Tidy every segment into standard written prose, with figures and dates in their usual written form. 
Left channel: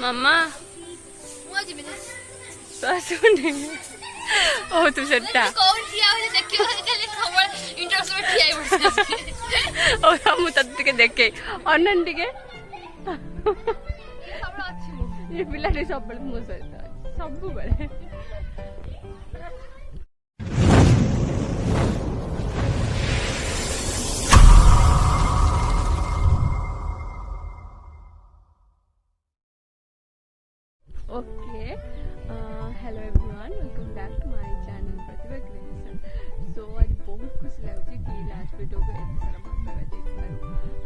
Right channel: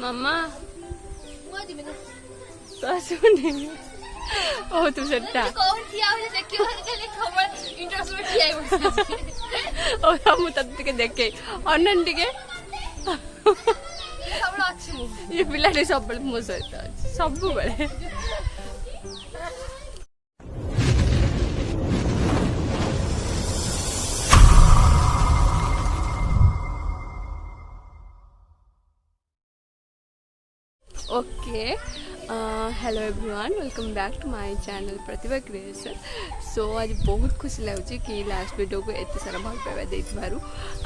मामा तो सुने ओ तू सेटा ओ हम तत टिके देखे अनन टिके ये पिलाटी सब मो सहित सब बेले okay hello everyone welcome back to my channel prativacreation। So आज बहुत खुशी लगुच कि लास्ट वीडियो को एत सारा भल पाइबा देइथिबारु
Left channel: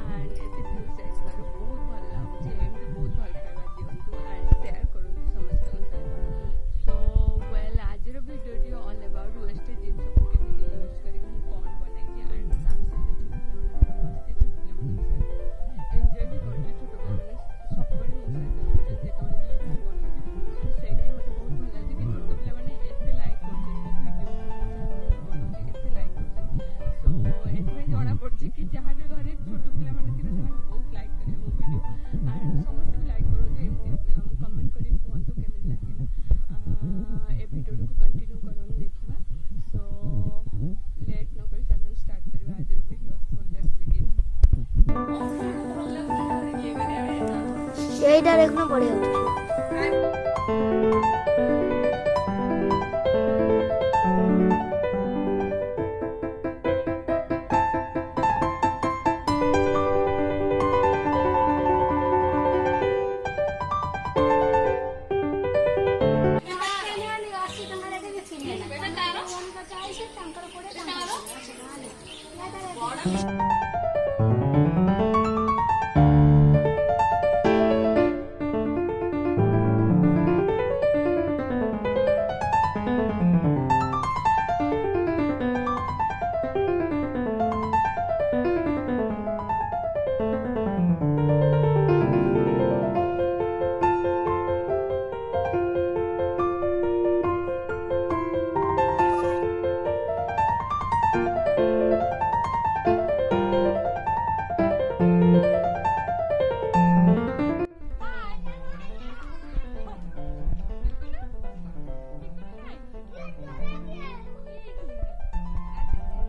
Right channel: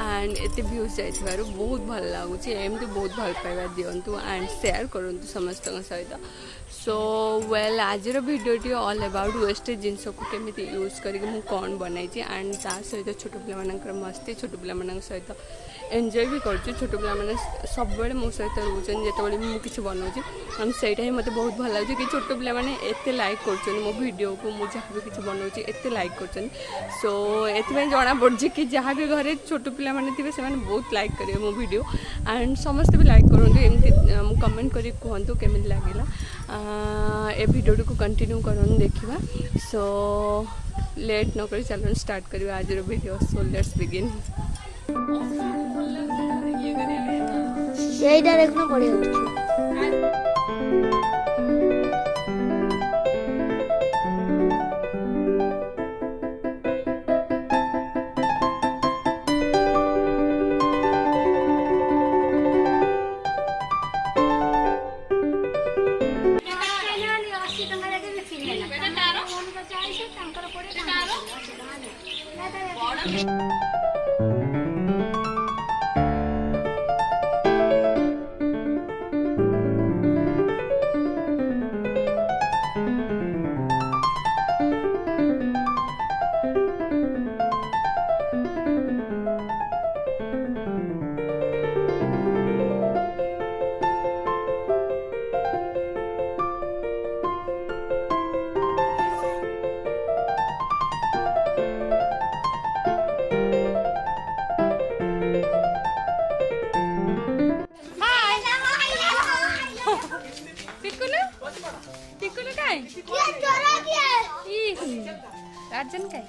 एंड एते व्यूज जाइथिबारु बहुत भल लागुच एमती बहुत भल पाइबा दियंतु एंड शेयर करंतु समस्त सहित। सो वेल आज वीडियोटी ऑल अबाउट वेस्टेज जिनस को केमिति यूज करके मु कौन बनाई एंड तार सहित छोट पिला मस्ती छोट पिला सहित एंजॉय भी कर छोट पिला सब मो सहित रोचन जिते मुझे किसी बनाऊँ हम सहीटा ही मत बहुत भल लगे कि छोट पिला एत लाइक कर मो वीडियो को मुझे जहाँ भी किसी बनाऊँ एत लाइक कर। सो ये जना पड़ी कि जहाँ भी घरे छोट पिला थे से बहुत लाइक करेंगे मो वीडियो एंड समस्ते भी लाइक करूँ एमती कमेंट कर कहतु केमी लगे ए वीडियो को कंटिन्यू करूँ देखा। सो लेट न कर चलो स्टार्ट करवा आज वीडियो। So let's begin. এইটা দেখুন পড়ে যাচ্ছে अर्जन काय